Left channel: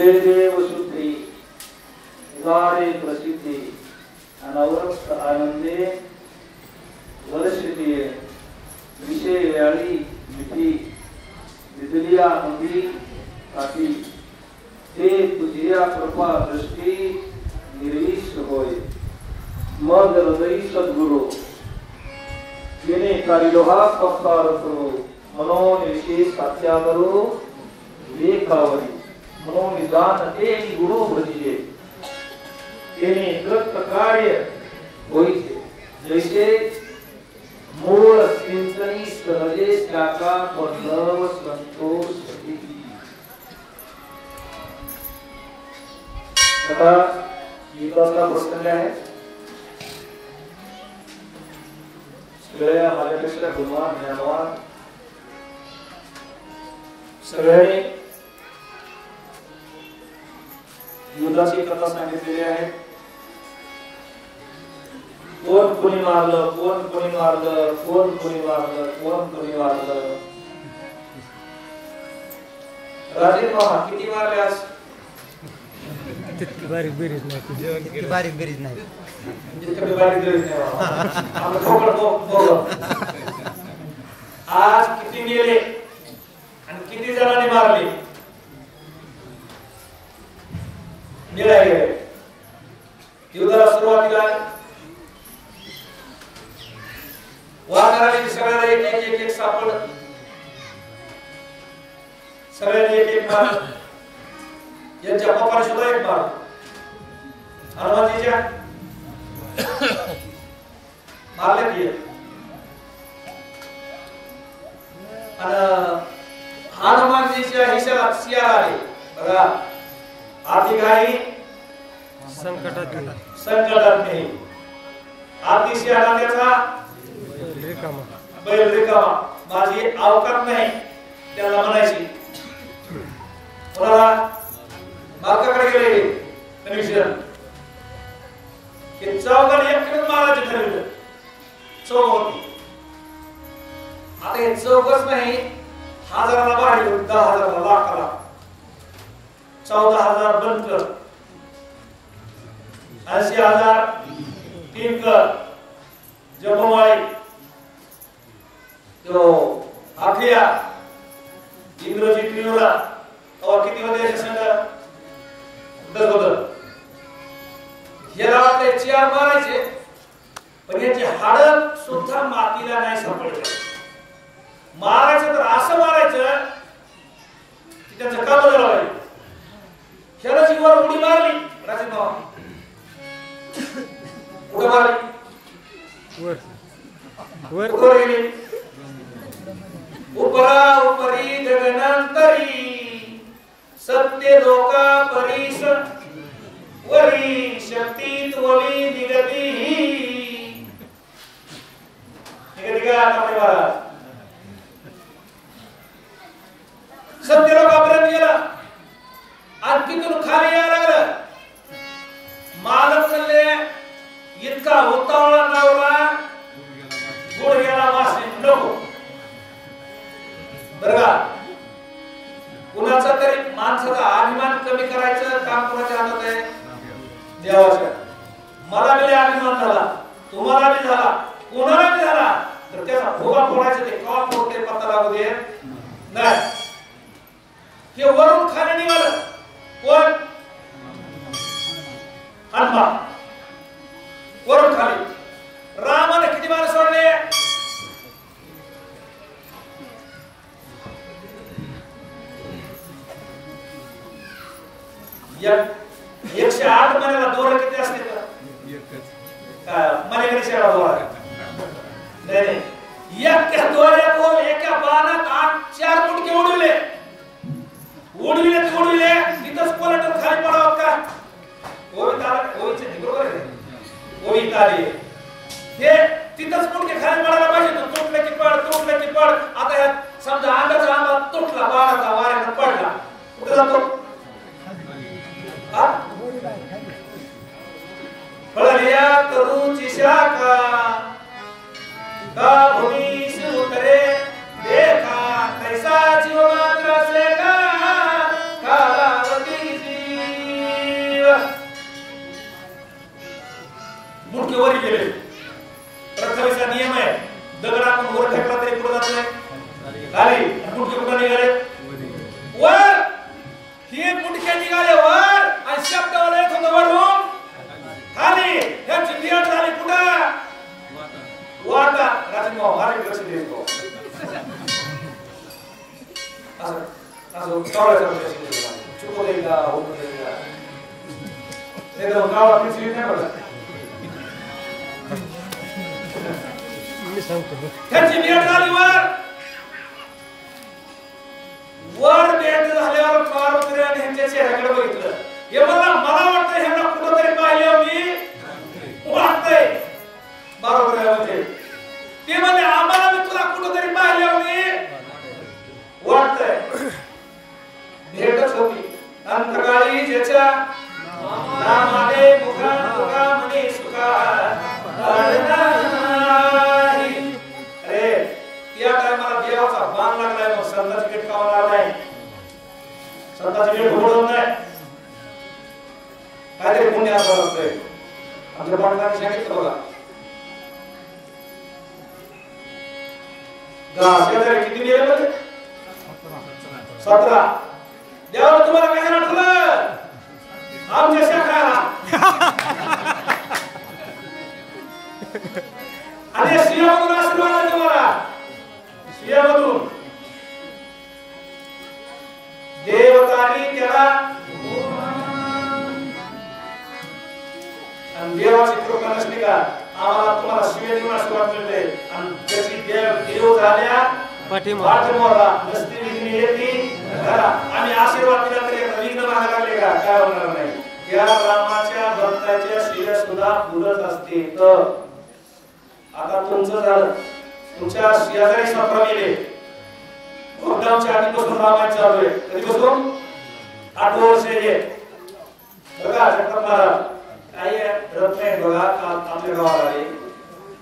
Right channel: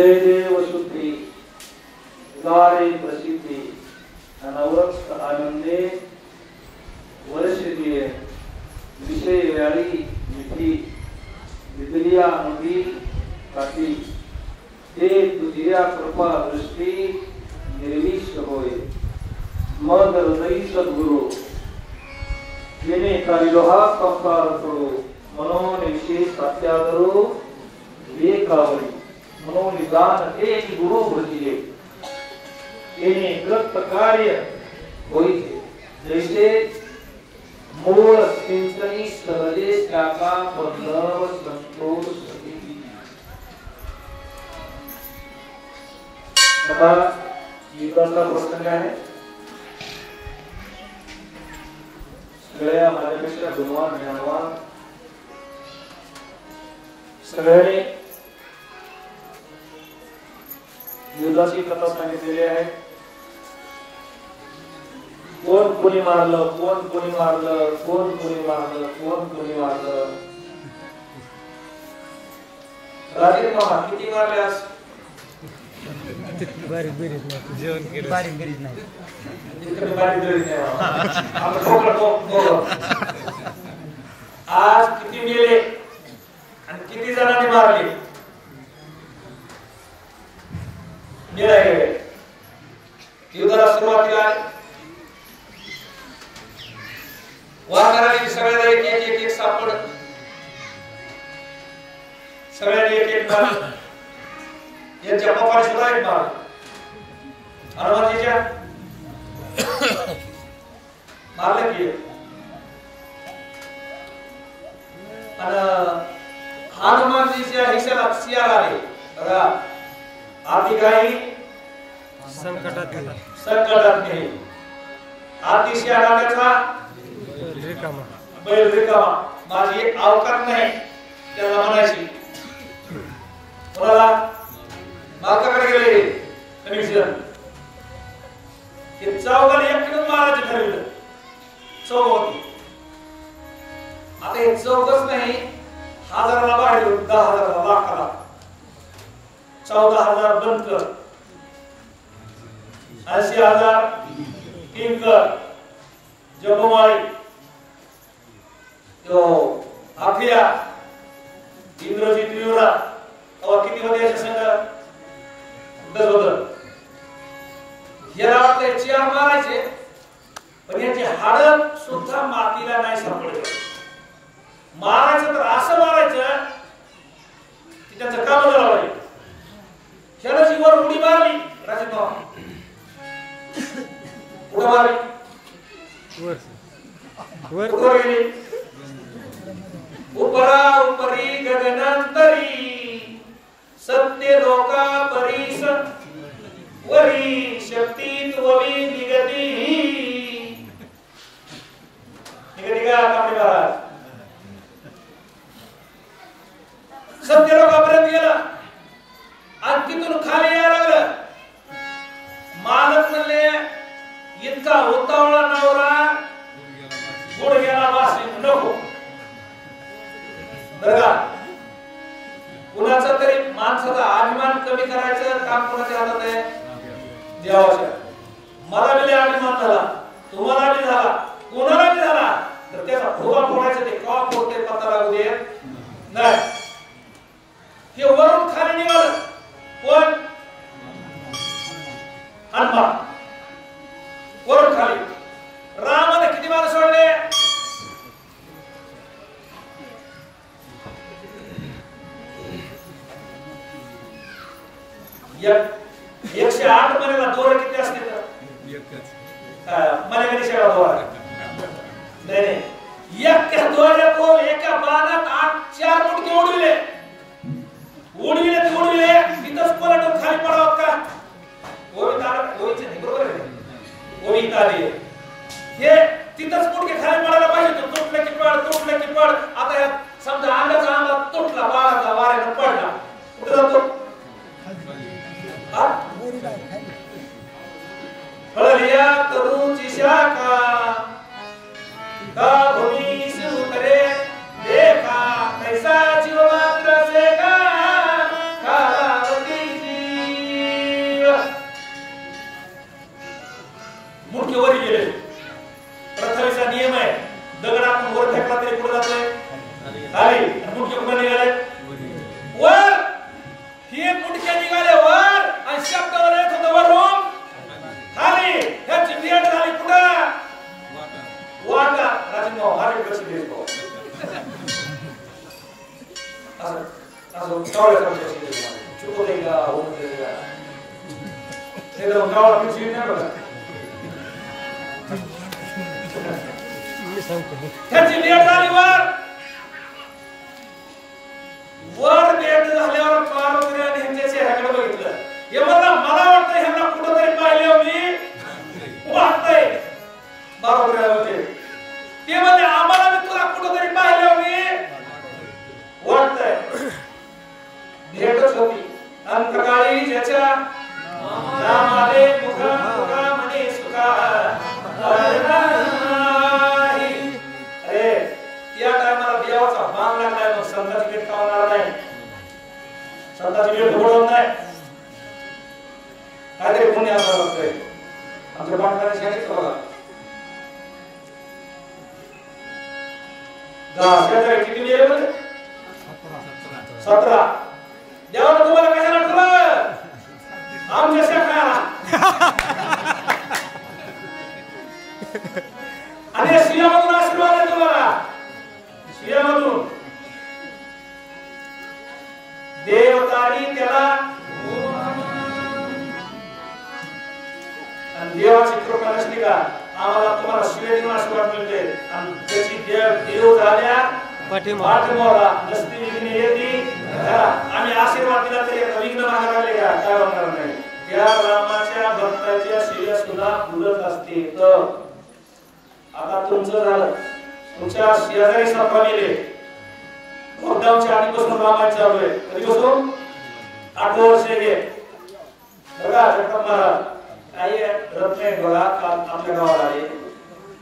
जयदेव शुद्धी उदारे प्रसिद्धि अनवरत आनंदे वर्षिते विषय व्याळी विधी विधलिया नवी काठी ते तुझिया कृपा दृष्टी निर्विष होय मग हृदयी सद्गुरु येणे कारिलोहा संसार करो मनोनिषे सात्यादरो एकावरी मनोनिदान एक गुरु भजिले येणे कृत कार्य होईचे जैसे मूळ चिंतनी सहजे त्याचा बंधव संतोष आता युद्धाचा प्रसंग आहे सगळ्या माझ्यापेक्षा गुणवान ज्ञानवान सगळ्यांनी युद्धाची कथा सांगितलेली आहे कोण कोणी मारलं कोण कोणी मारलं कोण कोणी मारलं कोण कोणी मारलं राजे महा किती मारल्यास बारीक बेरीज नाही बारीक बेरीज नाही इतकं बारीक बेरीज नाही आपण बघ आज किती मेले आणि किती जणांनी मारले निर्णय घ्यावे युद्धाला सुरुवातीला वारणाऱ्यांनी सगळ्यांना एक एक सापड सगळ्यांनी एक मारलं यांच्या पप्पाने सुद्धा एक मारलं हनुमानजीच्या मारलं की हनुमानजीच्या हिशाला सियार आले बघा आधी काही संकटात नाही आधी सियार आल्याचा रिकामा बैल रिकामा माझी अवकात नाही त्याला म्हणायची कोणाला मालकाकडे गेले कनेक्शन हे चौघाला एकूणच मारायचे ठरवलं चौघ होती आता हे चौघच नाही हजाराला बाहेर 10,000 लाखाला 14,000 बनकर 80,000 टिंकर जपमाळी तो आखिया इंद्रजी त्रियोला और किती होते याचे संघ 10 होतं याला वाटले चार मारायचे पण याची हाडं सुद्धा मातीला नाही सापडले मारायचं तर असं मारायचं की त्याचं काम झालं पाहिजे ह्याला जी वर उडी मारली राजमावा उडी मारली वर वर वर गेली उपरा उपरी गगनांतरी सत्य लोका परीस वरी शक्ती त्ववी निगती निगती का आपले महाराज सत्य लोकापर्यंत गेला आणि तिथून खाली यायला लागलं मालक म्हणले इतका उतावळा लावला गुडघ्याला वासी नको बरं का कुणाचा तरी माणसाचा अभिमान कमी करायचं काम कोणाच्या हातात आहे देवाच्या मला बी अभिमान झाला तुम्हाला बी झाला कोणाला बी झाला तर त्याचा भोगा फोडायचा ते का फोडते पत्ता लागू दे नाही हे वरून खाली निघालं कोण हनुमान वरून खाली रामाने किती मार सोडले 108 महिन्याला दोर किती असते तर मलेकडे सेवा दोरा नाही नाही एका दोऱ्यात एका बाणात 4 मुटके उडविले तिथंच पलटून खाली पडावं का ओवीचे बरोबर आहे ओवी ताली हे तिथंच मुटके खाली पडायला पाहिजे तो तुटलं की पड आता ह्या समजा अंगाचा आंबा तुटला बाणाचा वाऱ्यानं पडला कुठे जातो फळलिया तरुची शाखा का भूमीस उतरे देखा कैसा जीव मात्र से का कालावती वर गेले. प्रथमेचा नियम आहे, दगड आपण वर फेकला तरी कुठं जातोय? खाली. आणि मुंडके कुठं निघाले? वर. हे मुंडके निघाले वर आणि शब्दावर येत होतं वरून खाली. ह्याची नियत झाली कुठं? वाटा. राजभाऊ माझ्याकडे लक्ष देतो. असं कावळ्याचं चुकू दे का होऊ दे का नाही तर कावळा पिचवी नाही बघा. मी सांगतो ह्याची नियत झाली वर. वर भेट झाल्यावर पार्वतीने आणि ह्यांच्या चेहऱ्याकडे बघितलं. हे मला वाटतं ह्यांना कुठंतरी पाहिल्यावर मी वाटतंय. बरोबर आहे म्हणजे ते म्हणले आम्हाला मी तुला कुठंतरी पाहिल्यावर वाटतंय. भेटच होती. अंतकाळी ज्याच्या नामाने मुखा म्हणे सुखा अरे त्या टायमाला देवाचा बाण लागलाय. मग संताची भेट खावणार नाही, संताची भेट होणार नाही. काहीतरी पुण्य असावं लागतंय. आमच्या पाटलाने सांगितलं बघा, शेजारी किती गेले बघ? 17. देवाला तुम्हाला कशाला ठेवलं? आमच्या शाखा आणि श्रियामधून आशीर्वाद आहे तुम्हाला. श्रियामधून देवतानी त्याला आणि देवाची कृपा नसली का आम्हाला तुम्हाला शिवे देऊन आशीर्वाद मिळते. आणि त्याची देव झाल्या पाठीमारा नसती विघ्न येती घरा. आम्ही आशीर्वाद दिला तरी विघ्न मागायला लागले का? काय होणार नाही. या रामाच्या भक्ताच्या शिव्या सुद्धा फुलत असते. तर आता तुमचं झालं, तुमच्या शेजारी 17 मेले. लॉकडाऊनच्या आधीपासून रामायण चालू आहे. कधीपासून? 8 वर्ष हे बघा. जगताप महाराज काही रत्न बघा आपल्या गावाला आले.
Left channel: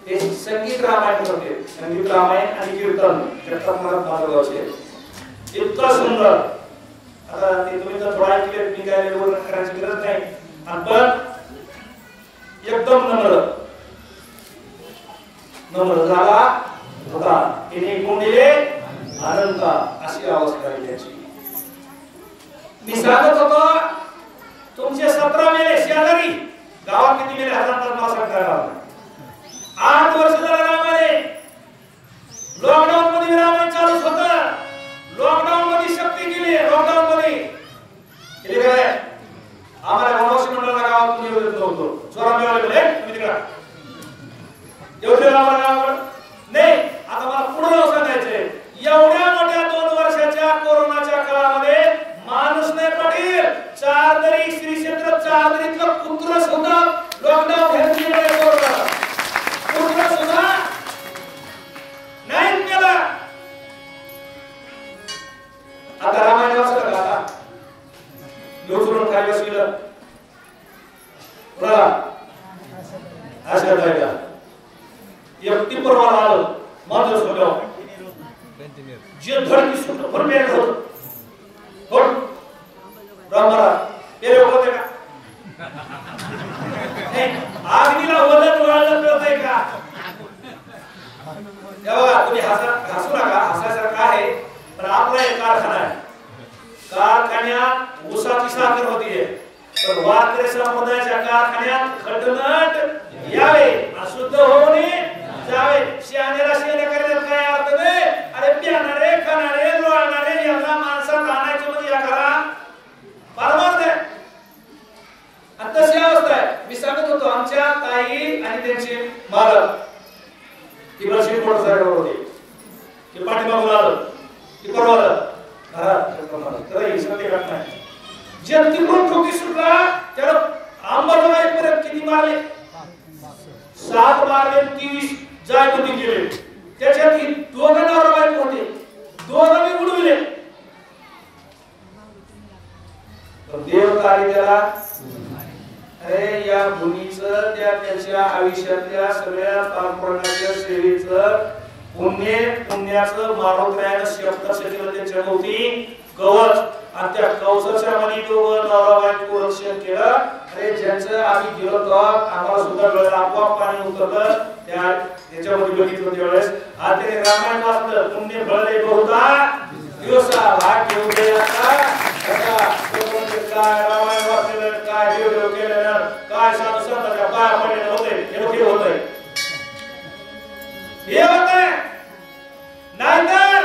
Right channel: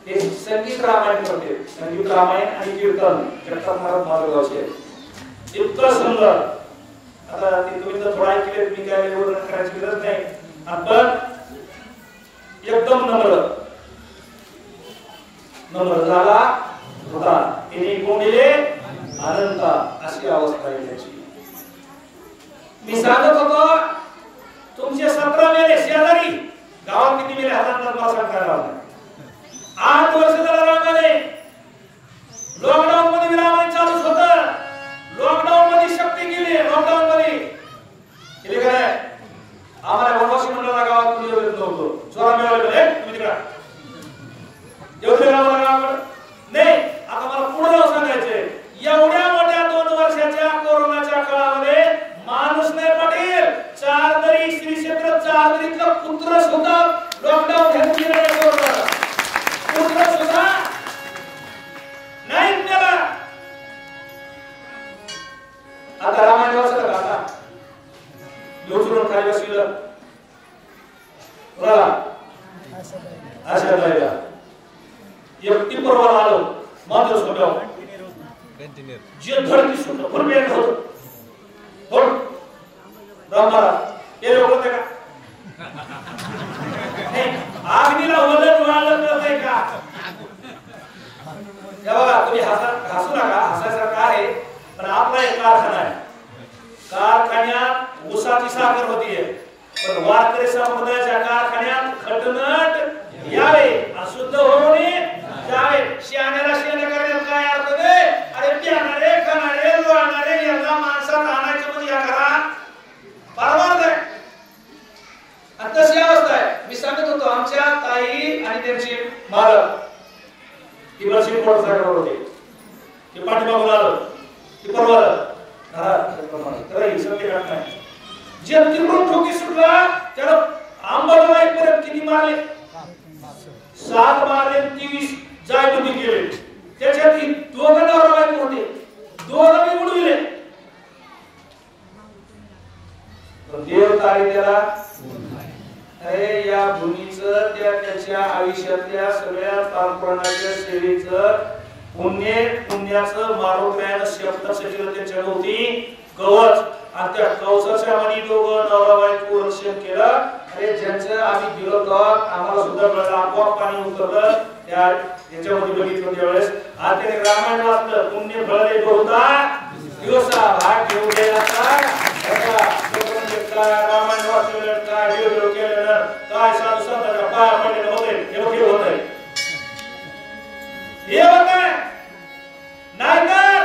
ते संगीत रामायण करते. संगीत रामायण आणि कीर्तन जगताप महाराज माधवगावचे इतकं सुंदर. आता ते तुम्ही तर थोडा ऐकले, मी काय वर्णन करायची गरज नाही. पण एकदम नम्र झाला होता. तिने कोण दिले? अनंत. अशी अवस्था आहे त्याची. मी सांगत होतो तुमचे 17 मेले शेजारी. गावात किती मेले? हजार नाव सांगता. 8 वर्ष झालं रामाने. लॉकडाऊन मध्ये रामायण चालूच होतं. लॉकडाऊन मध्ये शक्ती केली. लॉकडाऊन मध्ये केली काय? आम्हाला वनवासी मंडळाला गावात तुम्ही येऊ देत नव्हतो. चोरा मिळाले तुम्ही तिकडे येऊ दे गावाकडे नाही. आता मला पुढे जाऊ सांगायचंय. एवढ्या मोठ्या 2 वर्षाच्या कोरोनाच्या काळामध्ये माणूस नाही पाटील 4 तरी श्री क्षेत्र 4 तरीतलं पुत्र सुद्धा लॉकडाऊन घेतलेलं आहे. पुत्र सुद्धा नाही केला. आता रामायण वाचलं का? आता लोचून खाली बसविलं कुणाला? अशा राहिला एक टिप्परवाला आलं माझं सोडलं जे धडकी सुटलं पण मेघ होत हो रामाला ते लोक होते का? आग्नीला वदन वाळलं कळतंय का? तेव्हा तुम्ही हसू नका. हसायसारखं आहे पण आपला एक कारखाना आहे. कारखान्यात ऊसाची साखर होतीये पण वारकरी समुदायाच्या कारखान्यात खटनट यावे आणि शुद्ध होऊन जावे. शहाण्याला शेण करण्यात काय अर्थ नाही. अरे प्यानारे खाणारे लोळणारे यांना माणसात आणायचं म्हणजे या करा परमार्थ आहे. आणि तशी अवस्था आहे. मी सांगत होतो आमच्या ताई आणि त्यांचे मालक ती बरशी मोटरसायकल होते. ते पाठीमागून आलं ती परवालं सत्य घटना जे तिकडून ठोकी सुटला त्याला अंबाला एक पर्यंत किती मारले? 7 मारले. 30 जायबुद्धी गेले. त्याच्यात 2 नवरा बायको होते. 2 मी उडविले. देव तारी त्याला अरे या भूमीचं त्याच्या आयुष्यातल्या सगळ्या पारपणाच्या सेवेचं पुण्याचं मारुद्रायानं शब्दाचं केलं त्यांच्या भोवती कवच आणि त्या कवचाच्या मध्ये दोघं नवरा बायको रक्षण केलं. अरे ज्यांचं आम्ही गेलो तेव्हा आम्हाला सुद्धा कळलं, आपोआप पाणी उतरलं त्या याच्यामध्ये बघितलं त्यावेळेस. आज त्याने रामायण वाचलं, पुण्य फळले बहुधा दिवसा भाग घेऊन गेला काय रामायण वाचलेलं काय देव केलेलं काय साधू संतांच्या पाया पडलेलं होते हे होतंय हे होतंय. नाहीतर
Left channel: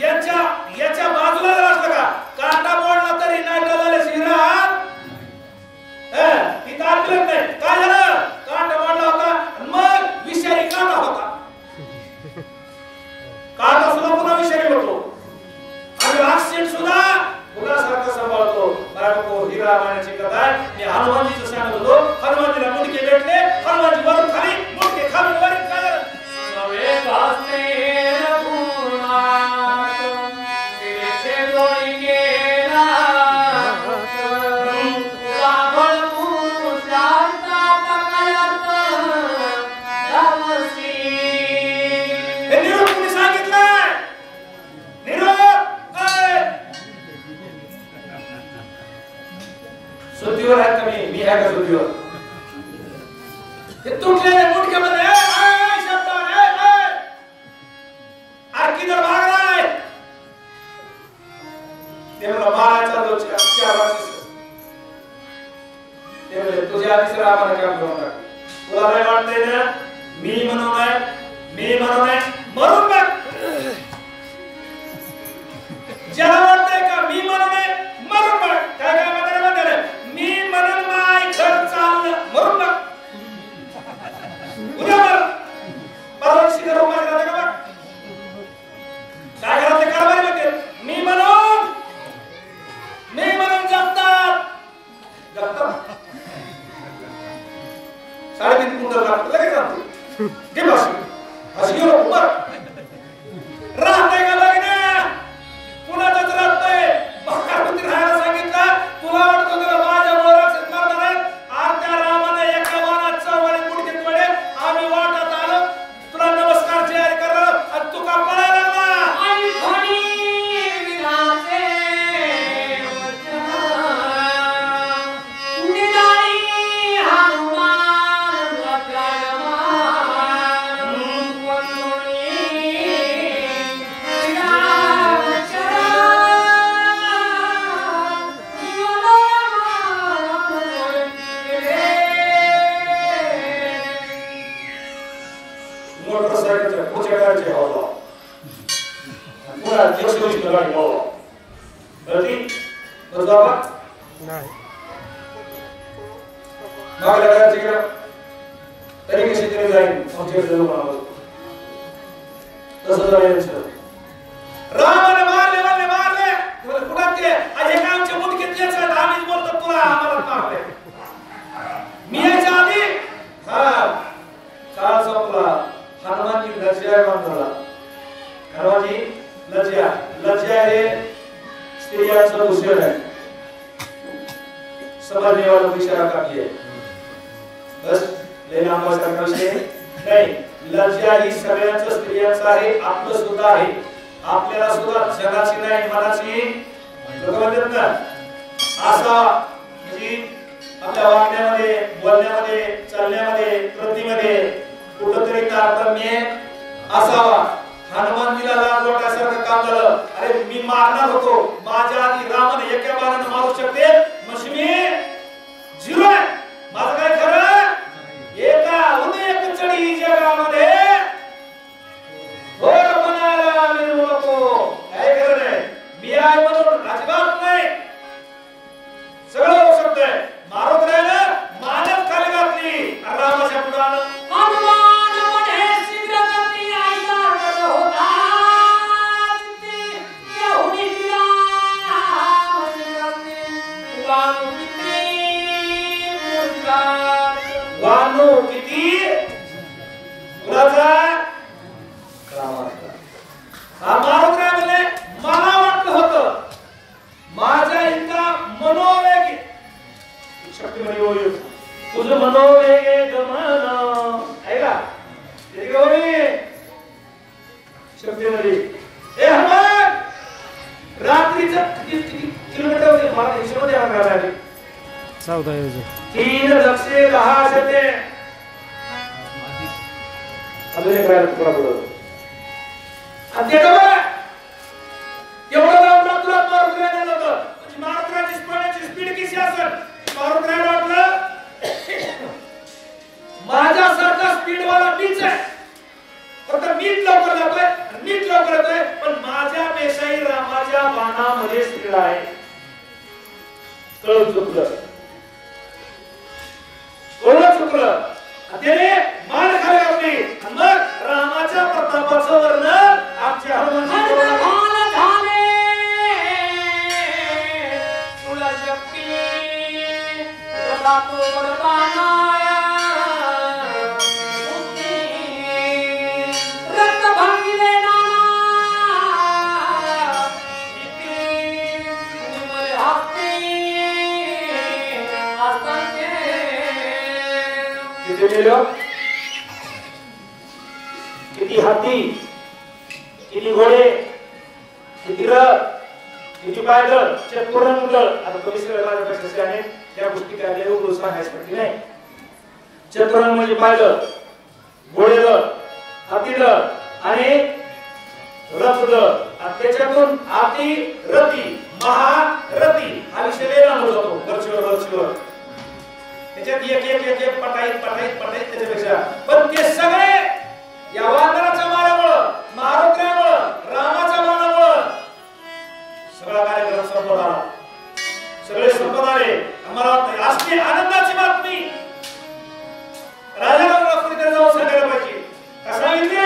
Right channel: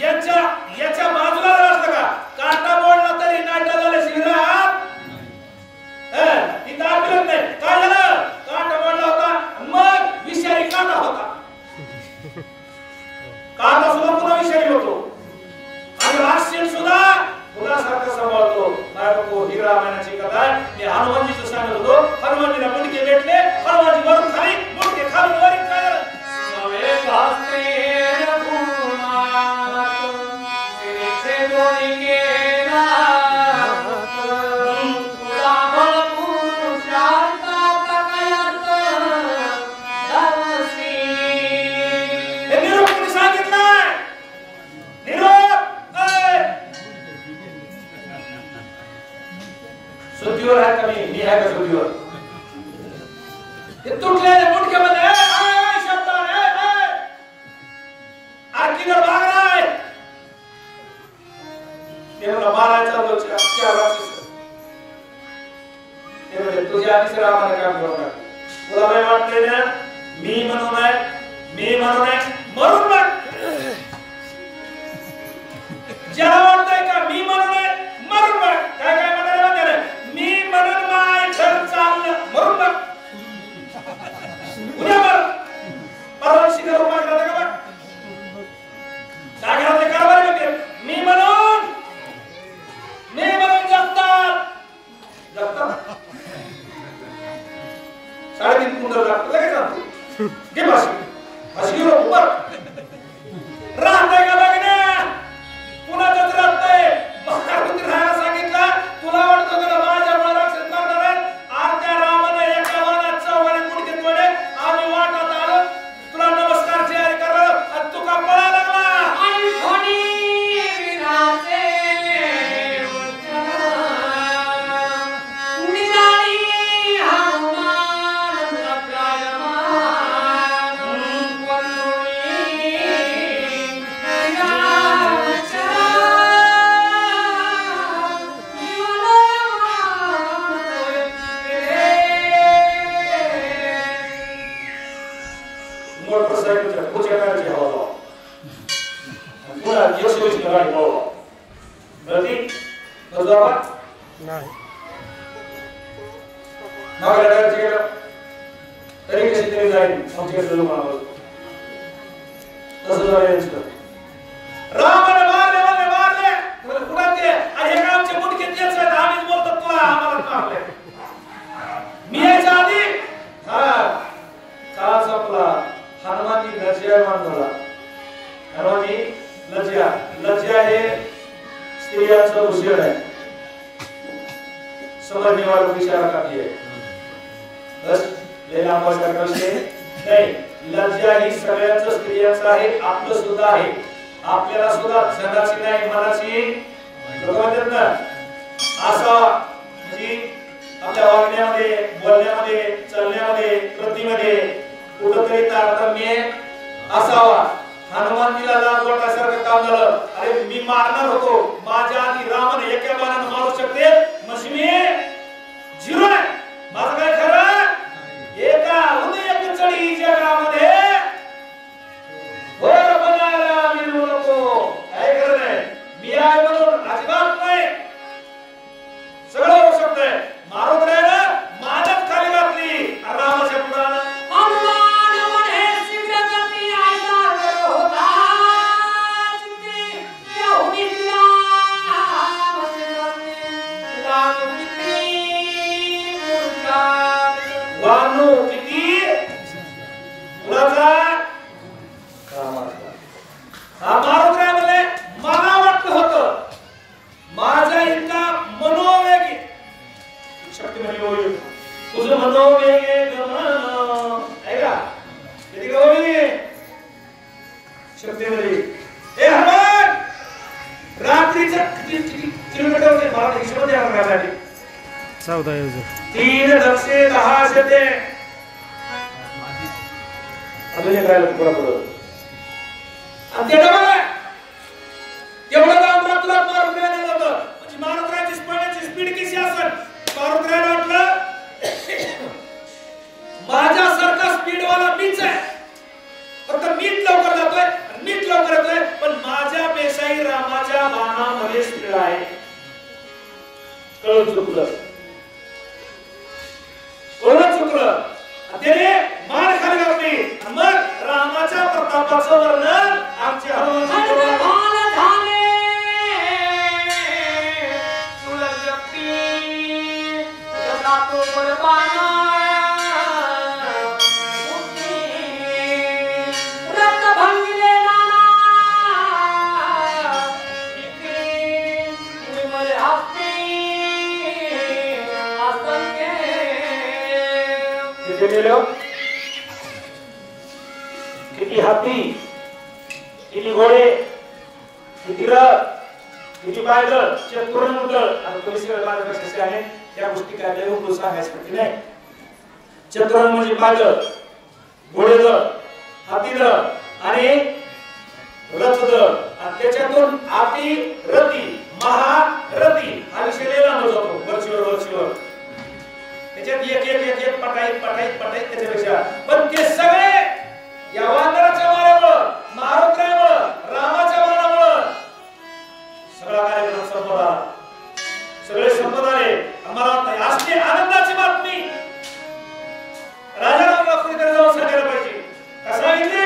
याच्या बाजूला असतं का काटा मोडला तरी नाटा झाले शिरात तिथं आपलंच नाही. काय झालं काटा मोडला होता मग विषारी काटा होता. काटा सुद्धा पुन्हा विषारी होतो आणि राक्षस सुद्धा फुलासारखं सांभाळतो. बायको ही रामायणाची कथा आहे. मी हनुमानजीचं सांगत होतो. हनुमानजीला मुंडके भेटले, हनुमानजी वरून खाली मुंडके खालून वरी काय झालं नवे वाजते सुद्धीवर आहे का मी आहे का सुद्धीवर हे तुटलेले मुंडक्यामध्ये शब्दावर किधर भाग रहा है ते मला मारायचा तो ते म्हणजे तुझ्या आधीच रामाला काम करून टाक. तुला काय वाटतंय ना मी म्हणून मरून बघ. ज्याला वाटतंय का मी म्हणून मरून बघ. काय काय म्हणतात मी म्हणून माय घर चाललं मरून बघ. उद्या मर परवा शिकर उपास राहते का बघ. काय घरातले कारभारी बघते मी म्हणून जगतात 3.5 कुंटल लागतं लगेच आणतो ते बस असं गेलो उपर राहतंय का बघण्या कुणाचंच राहत नाही. महाराष्ट्रात राहायला सांगितलं तुला वाटत होतं माझ्या राक्षस मारणार आहेत. अर्ध्या रामाने एका वानात 4 मुंडके तोडले. आम्ही वाटत आलो तुला नमस्कार तयारी करणार आणि तू का पळायला लागला. तरी कशी तरी जाईल रामाने मारले कुठं ते हे का आमचे मुंडके तेच आहेत. आम्हीच बोलतो तुला आम्हाला मारले. मी यायच्या आधी काळ संपला. हनुमानजी लज्जा मानला. हनुमानजी लज्जा हे स्त्रियांचं भूषण आहे. समझने वालों को इशारा काफी है. बस लेला आंबासारखा विषय नाही. लज्जा ही सगळ्यांचं स्त्रियांचं आहे. आपलं सुद्धा आहे. आपल्याला सुद्धा जगाची नाही मनाची लोक म्हणतात ना असा म्हणजे आपल्या वागण्यामध्ये बोलण्यामध्ये चालण्यामध्ये कृतीमध्ये कुठंतरी तारतम्य असावा. हनुमानजीला लाज वाटण्यासारखं काम झालं. अरे मी मारणार होतो माझ्या आधी रामाने एका बाणाने मारू शकते मग मी 0 आहे. माझं काय खरं एका उदय चढी जगामध्ये घोर बनायला मी नको. काय खरं नाही मी आहे म्हणून अजिबात नाही. सगळं होऊ शकतंय. मारुद्रायानं मानच खाली घातली रामाच्या पुढानं. वानू किती कुणाचा हा मारुद्राय म्हणले मला वाटत होतं माझ्या इतका मनोवेग शक्ती म्हणजे तुझं मनोवेग मन आहे का किती शक्ती नदी ए हनुमान रात्रीचं किती किलोमीटर होते मला हिशोब द्या मला 14 योजन 3 दक्षे 10 शते अजून काय तुला आणि ते डबल एवढं लांब तुला मारुद्राला होतं म्हणजे मारुद्राची स्पीड किती असेल मारुद्राला वाटलं माझ्यासारखा स्पीड वाला मीच आहे फक्त मीच लवकर जातोय मीच लवकर येतोय पण माझ्या पेशाही रामाच्या बाणामध्ये स्पीड आहे कळून चुकलं त्याने मान खाली घातली मग रामाच्या प्रतापाचं वर्णन आजच्या किती हाती किती घोडे किती रथ किती पायदळ चतुरंग आणि परिसर आहे त्या गोष्टी काय सांगायसाठी नाही चतुरंग म्हणजे पायदळ घोडेदळ हातीदळ आणि रथदळ आणि त्याच्यातून हाती रथी महारथी हा विषय लय लांब जातो वरचीवर त्याच्यात एक पटाईत त्याच्यापेक्षा पण ते सगळे या वानराच्या माऱ्यामुळं मारुद्रामुळं रामाच्या बाणामुळं सगळा कार्यक्रम संपत आला सगळे संपत आले आम्हाला असली आनंदाची बातमी राजा रामरावकडे जाऊन सांगायला पाहिजे का सांगितले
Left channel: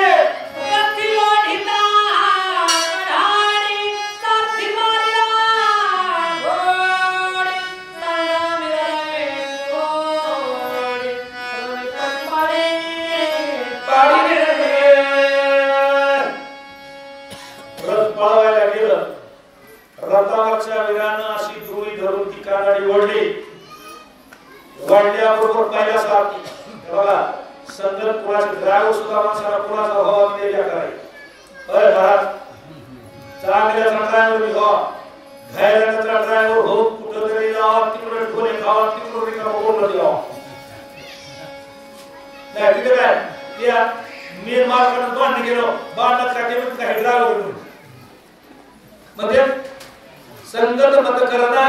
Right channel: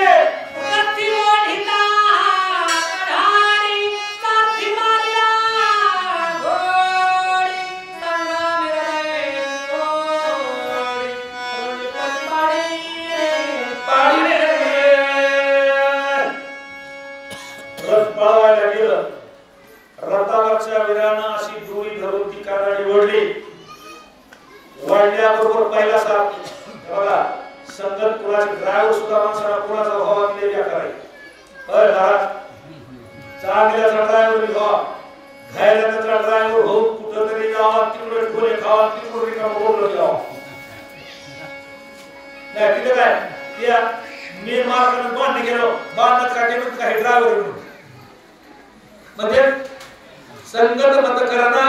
रथावरच्या वीरानं अशी दोरी धरून ती कानडी ओढली वाढल्याबरोबर पहिला सारथी बघा संगत कुणाचे ड्रायव्हर सुद्धा माणसाला कुणाचा हवा दिलेल्या करायची होय महाराज चांगल्याचा ड्रायव्हर व्हा घायराचा ड्रायव्हर हो कुठं तरी जावा तिकडे ढोले खावा तिकडे रिकामा बोलत जावा नाही तिथे काय त्या मेन मार्गाने बांधणे गेलो बांधण्यात काय केलं काही ड्रायव्हर म्हणजे संगत मत करना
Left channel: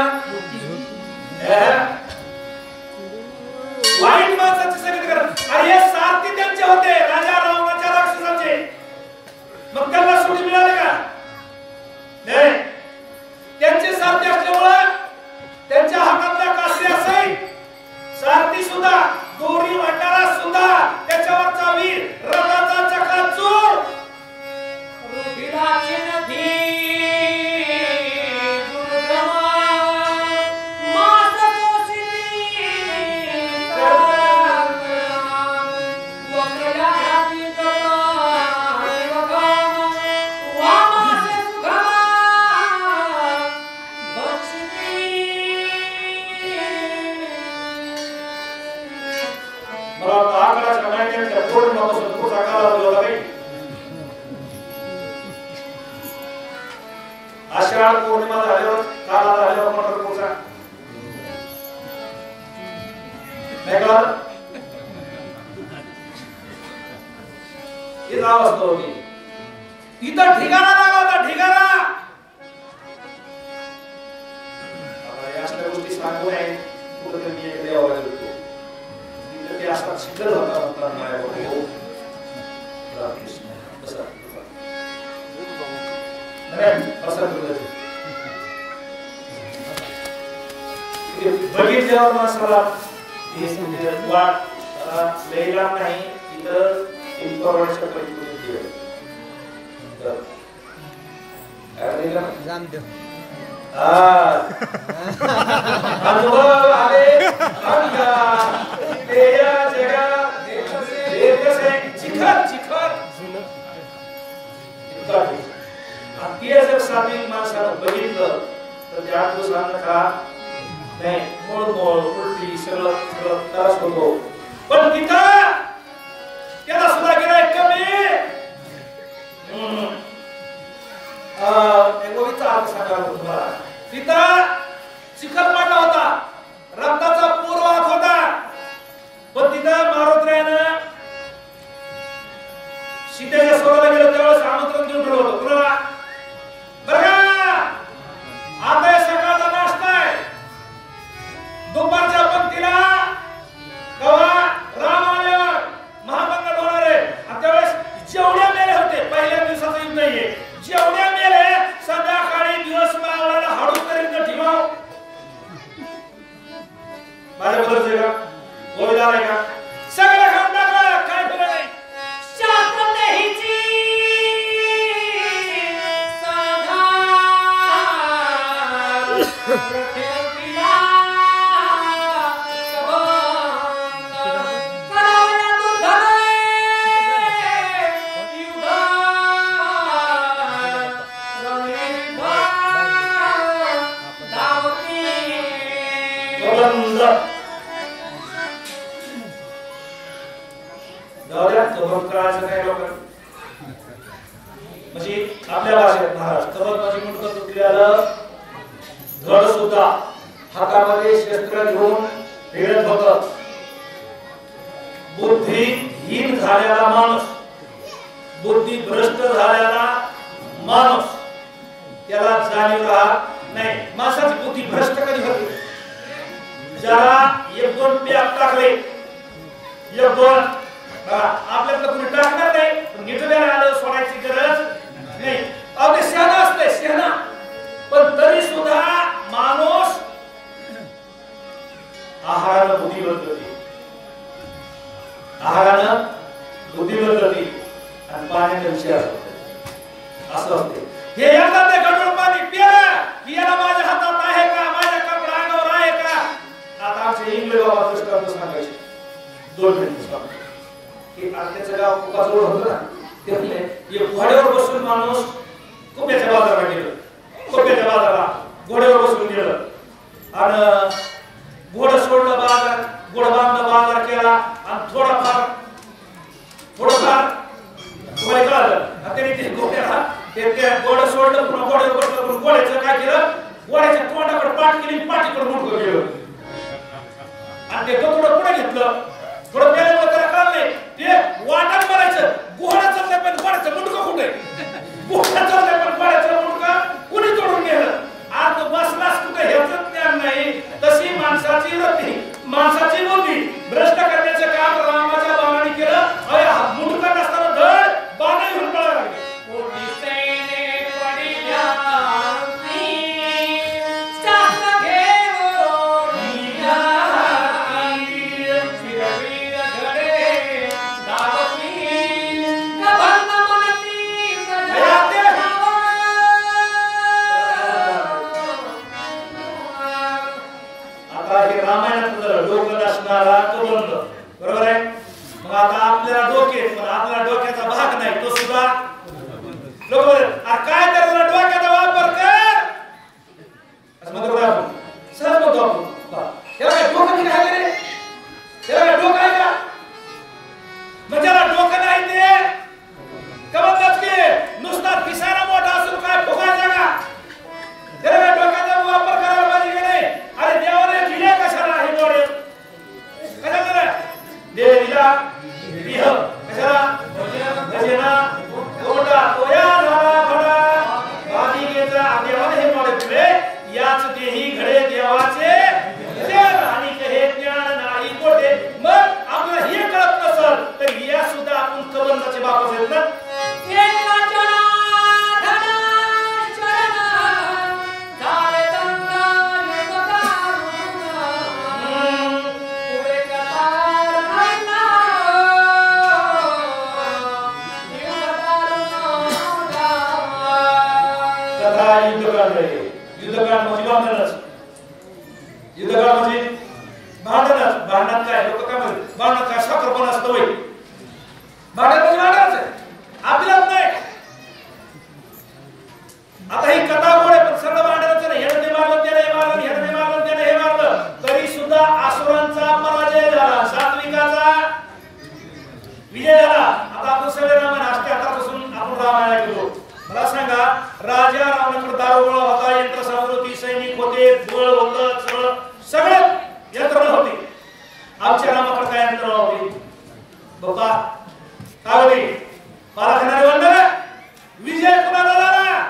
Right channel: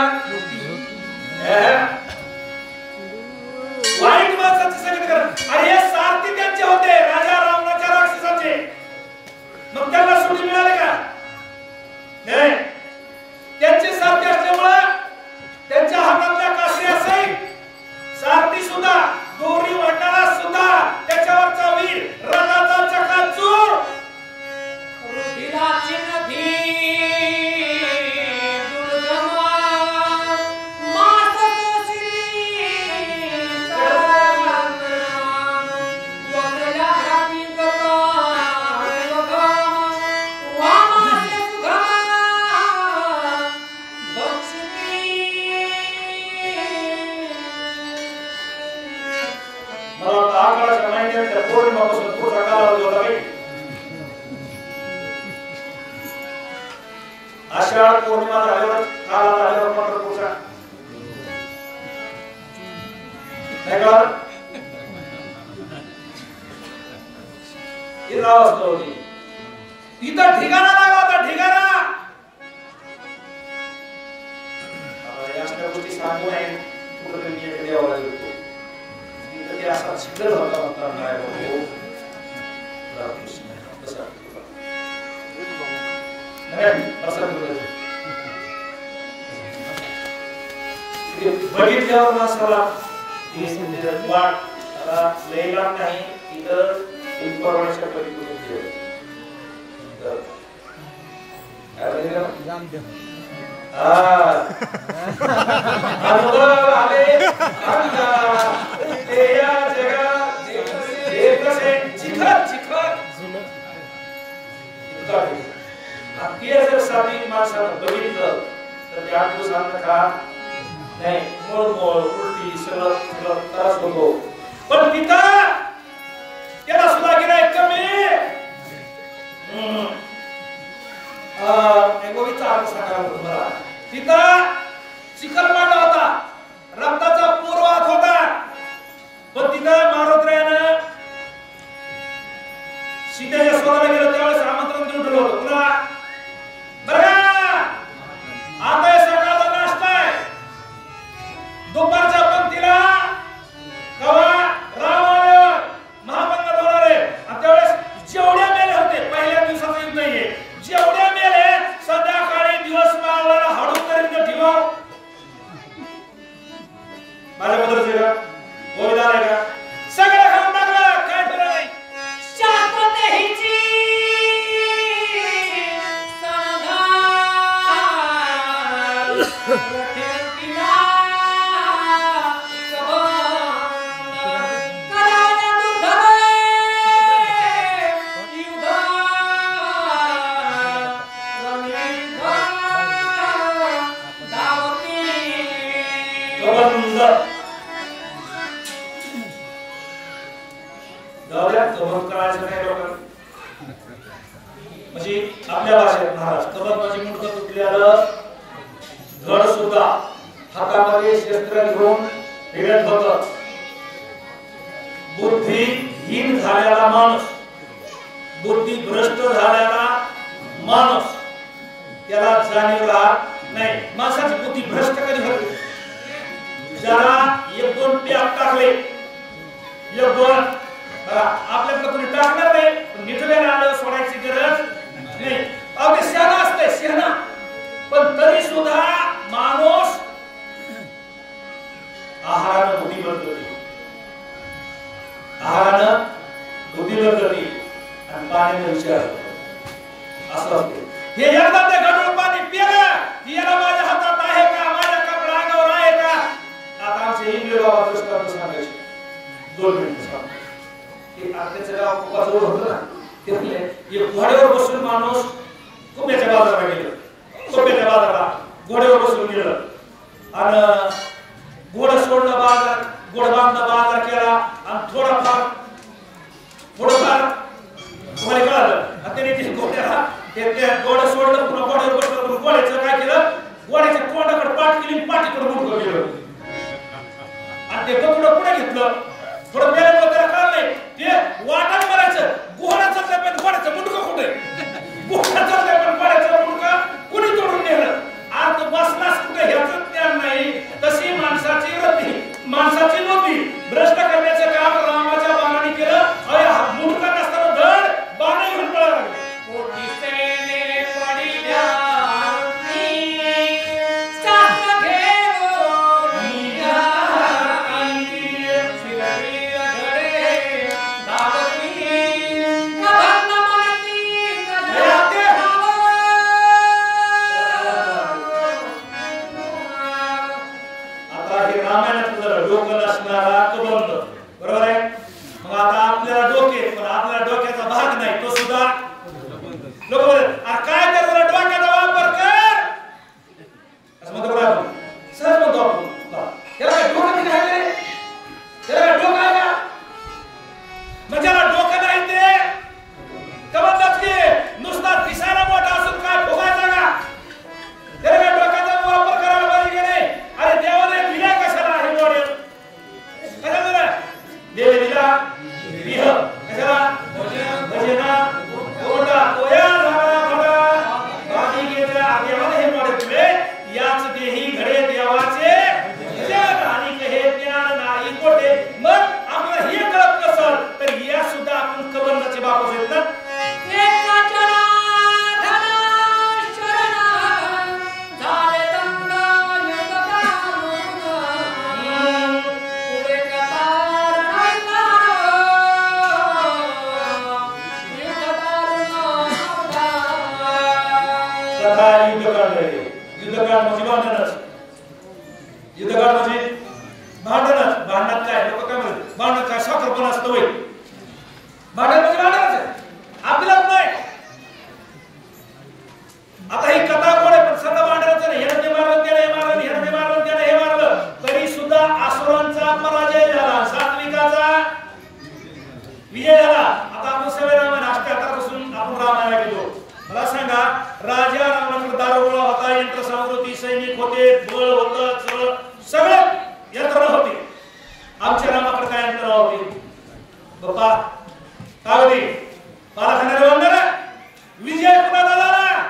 वाईट माणसाची संगत करा अरे हे सारथी त्यांचे होते राजा रावणाच्या राक्षसांचे मग त्यांना सुट्टी मिळाली का नाही त्यांचे सारथी असल्यामुळे त्यांच्या हातातल्या काशी असेल सारथी सुद्धा दोरी वाटणारा सुद्धा त्याच्यावरचा वीर रथाचा चकाचूर रुधिराची नदी आषाढ पौर्णिमा झाल्यावर काल झाल्यावर पंढरपूरचा नाही का ही अवस्था होती इथं ठिकाणा लागला होता ठिकाणा या सगळ्या गोष्टी सांगू नये कुठेतरी मी एक देवाला गेलो तिथं ते असा शिकल होता नाही कृष्ण तसा बघितल्यावर माणसाला वाट लयला नाही इतर इन्फॉर्मेशन अनुभव आले जर साधिक माणसानं बघितलं तर त्या दिवसांना का नाही मोळमोळ उलटी सगळं त्रास होतो पण तिथं त्याला सुद्धा गिराईक कमी तिथं चिखल पडला होता, रक्ताचा पूर वाहत होता, पण तिथं मारुतीरायानं सीतेच्या स्वराला गेलो त्यावेळेस आमंत्रण देऊन ठेवलं होतं. कुणाला? बरं आता सकाळचा नाश्ता आहे, दुपारच्या पंक्तीला कवा राम आल्यावर महामंगल होणार आहे. आणि त्यावेळेस जेवढ्या मेले होते, पहिल्या दिवसाचं युद्ध नाहीये, जेवढ्या मेले संध्याकाळी दिवस मावळाला हळू करीत ठेवा. माझ्या बदलचे का गोविंदार आहे का? सगळं खाऊन टाकलं, काय ठेवलं नाही. म्हणजे आपल्या भाषेत महाराज कबत म्हणजे मुंडकं तुटलेलं, धड सुद्धा हातामध्ये शस्त्र घेऊन फिरत होत. बुद्धिहीन झालेला माणूस, बुद्धी भ्रष्ट झालेला माणूस, त्याला जाणीव राहत नाही. माणसाची बुद्धी भ्रष्ट कधी होते? ज्याला एक दोन पॅक टाकले, एक दोन आपल्याकडे कोणी टाकणार नाही, पण निठव्याने आल्यावर सोडायची गरज नाही. अगदी शहाणा असते, शहाणा, पण तरी सुद्धा माणूस आहारानं बुद्धी बनवते, आहारानं बुद्धी बनवते आणि पाण्याचा विषय असं असते. हे एकदा ते गढूळ पाणी पिलं की याला माझ्या हातात आहे का, माझ्या कपडा अंगावर आहे का? आता आमचे इंग्लिश बाबा दृष्टांत सांगायचे, 2 मिनिट सांग की आत्याचं गाव खूप जवळ होतं ना, ते म्हणले एक घोड्यावर बसून माणूस कुंभ्याच्या बाजाराला गेलं, कुंभ्याच्या बाजाराला घोड्यावर बसून गेलं आणि घोडं सोडलं, बाजार घोडं बांधलं, बाजार केला आणि थोडंफार तुम्हाला कळालं. त्याने ते घोड्याला ते घोडं सोडलं, पुन्हा घोड्यावर बसलं, घोड्याचं काय केलं, घोड्याच्या तोंडाकडे पाठ केली, पाठीकडे मुंडकं गेलं आणि ते कपडं पुढे घेतलं. थोडं पेल्यामुळे त्याला कळलं नाही, ते वाटात मारायचं, घोडा चाललाय पण घोड्याचं मुंडकं कुठे, घोडा चाललाय पण घोड्याचं मुंडकं कुणी तोडून नेलं, आज बसलास कुठे ह्याचं ज्ञान नाही. तशी माणसाची वृत्ती, माणसाची बुद्धी भ्रष्ट करण्याचं काम रामाच्या बाणाने केलं. अरे मुंडकं नसताना धड बाणा घेऊन पळायला लागले. बरोबर आहे. मग आता आपल्याला डोके, पण आपल्याला डोक्याचा भाग नाही, तो सुद्धा लोक काय त्याला डोक्याचा वापर कर असं म्हणतो. सहज म्हणतो आपण, त्याला काय डोकं नाही आहे रे, त्याला काय डोकं आहे का? म्हणजे त्याला डोकं नाही ते का म्हणतात की नुसता दिसायला मोठा असून काय फुगायचा का? त्याला काय डोक्याचा वापर करायला पाहिजे का नाही? अरे देवाने दिल्या कशाला हे मॉडेल? कशाला दिला? देव दिला विह कशाला? भजना कोटा तोया झाला घडा बालिकेचा देवाने हे मॉडेल दिले. याच देही घडे देवाचे ज्ञान आणि कहे ज्ञान नाही कोठे. मग आपल्याला हे कळत नसल तर या सुद्धा आपण कबंदाचे बापच आहेत ना. युद्धकाळ म्हणजे भांडणच, युद्धकाळ म्हणजे भांडणच. भांडणात काय लोक काय म्हणतात, भांडणात काय साखरपण असतं वय? भांडण म्हणजे भांडणच आहे, आपल्यालाच नाही. आता ही कथा गोड आहे, पण सगळं भांडणच नाही. ह्याने मारलं, त्याने हे मारलं, ह्याने मारलं, त्याने हे मारलं, तरी सुद्धा असुरांचा पराजय झाला, सात्विकाचा विजय झाला. आता आपण सगळे रामायण 78 पासून आपण रामायण ऐकतो. मला सांगा राजा रावणाकडे दारुगोळा होता, यंत्रसामुद्री सैनिक होते, बळ होतं, चळ सगळं यंत्रणा होती. आमच्या रामाकडे काय यंत्रणा होती? बाबा काय होती? पालाखानाने बांधला विजय कुणाचा झाला?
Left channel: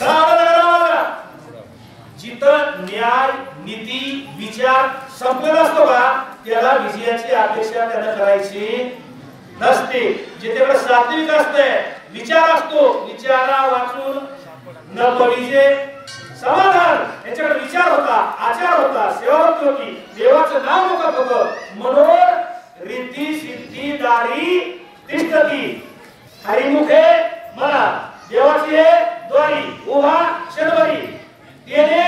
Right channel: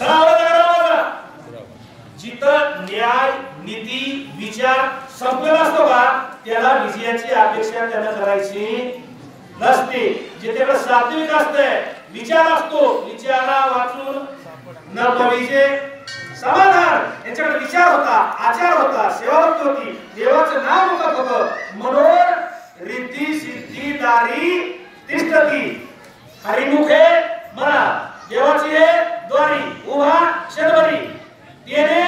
रावणाचा रामाचा. जिथं न्याय नीती विचार संपलेला असतो का त्याला विजयाची अपेक्षा त्यानं करायची नसते. जिथे सात्विक असते, विचार असतो, विचारा वाचून न विजय समाधान. याच्याकडे विचार होता, आचार होता, सेवाभक्ती होती, देवाचं नाव मुखात होतं. मनोर रिद्धी सिद्धी दारी तिष्ठती हरिमुखे म्हणा देवाची हे द्वारी उभा शतबरी येणे